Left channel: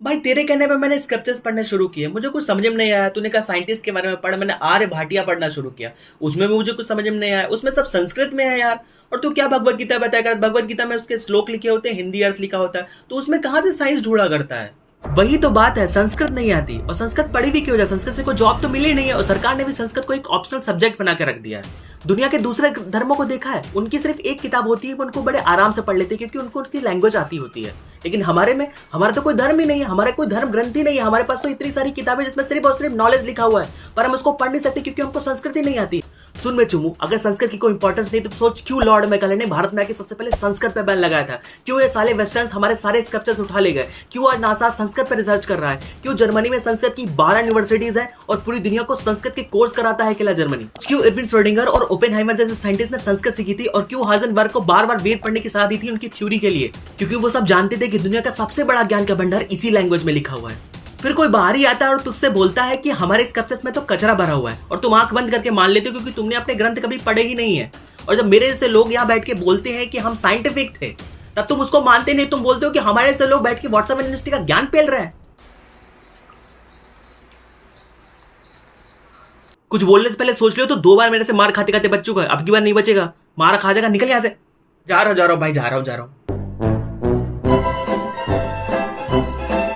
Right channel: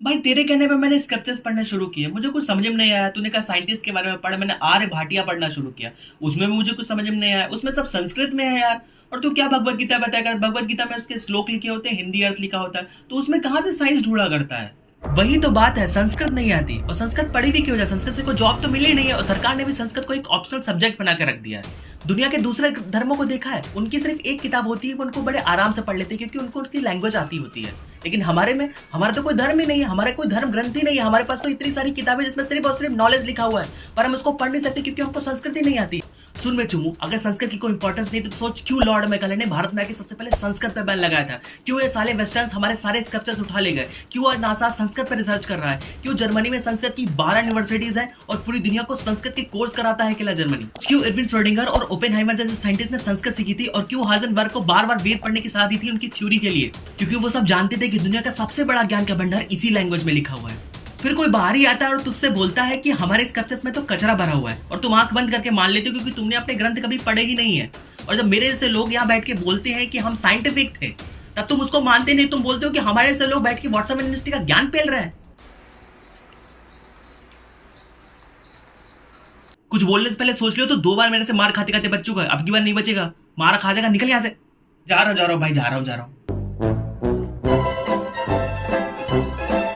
भाई तेरे कहने पे मैंने स्क्रिप्चर्स पढ़ने शुरू किए, मुझे कुछ समझ में नहीं आया। तूने कहा साइंटिस्ट के बारे में पढ़, मैंने आर्य भाटिया पढ़ना शुरू किया। उसमें भी मुझे कुछ समझ में नहीं आया, उसमें सब संस्कृत में है यार। और तू क्या भगवत गीता बताया कर, भगवत गीता में उसके श्लोक लिखे होते हैं, हिंदी अर्थ लिखा होता है, तो उसमें कहाँ से साइंस ढूंढा करता है। वही तो बात है, संस्कृत नहीं आती। और संस्कृत पढ़ी भी क्यों जाए, संस्कृत से कोई जॉब तो मिली नहीं है। और सरकार ने भी संस्कृत को एक ऑप्शनल सब्जेक्ट बना के रख दिया है। दुनिया के दूसरे धर्मों को देखा है, उनकी सिर्फ एक किताब होती है, वो उनको बड़े आराम से पढ़ लेते हैं क्योंकि उनको उनकी लैंग्वेज आती होती है। लेकिन हमारे में, हमारा तो कोई धर्म ही नहीं है, हमारा कोई धर्म ग्रंथ ही नहीं है। हमारे पास तो इतनी सारी किताबें जिसमें सिर्फ और सिर्फ नॉलेज लिखा हुआ है, पर हम उसको पढ़ नहीं सकते क्योंकि हमको संस्कृत ही नहीं आती। सुन में चुमू, अगर संस्कृत की कोई इंपॉर्टेंस नहीं तो सोच क्यों लॉर्ड मैकाले ने भारत में आके सबसे पहले संस्कृत पे बैन लगाया था। क्यों ये साले वेस्टर्न्स हमारे सारे स्क्रिप्चर्स उठा ले गए। क्यों आज नासा संस्कृत पर रिसर्च कर रहा है। क्यों जर्मनी में संस्कृत की 12 यूनिवर्सिटीज है और पूरी दुनिया को संस्कृत के कोर्स कराता है अकेला जर्मनी। क्यों इरविन श्रोडिंगर और ओपेनहाइमर जैसे साइंटिस्ट ने संस्कृत सीखी थी। और क्यों हाइजेनबर्ग को बार बार वेद पढ़ने की सलाह दी थी उनकी थ्योरी के लिए, क्योंकि वो सब जानते थे कि दुनिया का सबसे बड़ा ज्ञान का भंडार इसी लैंग्वेज में लिखा हुआ है। फिर कोई बाहर ही आता है और तुझसे बोलता है कि हमारे स्क्रिप्चर्स में तो कचरा भरा हुआ है, और तुम आंख बंद करके मान लेते हो क्योंकि तुमने अपने ग्रंथ कभी पढ़े ही नहीं है। और जब मेरे जैसे लोग यहाँ बैठ के बोलते हैं कि हम साइंटिफिक थे, तब तुम उसको मानते नहीं। तुम बोलते हो कि हमारे जैसे लोग बैठ के व्हाट्सएप यूनिवर्सिटी का ज्ञान पेल रहे हैं। कुछ बोलने से पहले सोच लियो तो 2 बार मेरे से मार खाते खाते बच चुका है, अब की बार नहीं बचेगा। मार खा जाएगा, निकल यहाँ से। जा रहा हूँ भाई, जा रहा हूँ।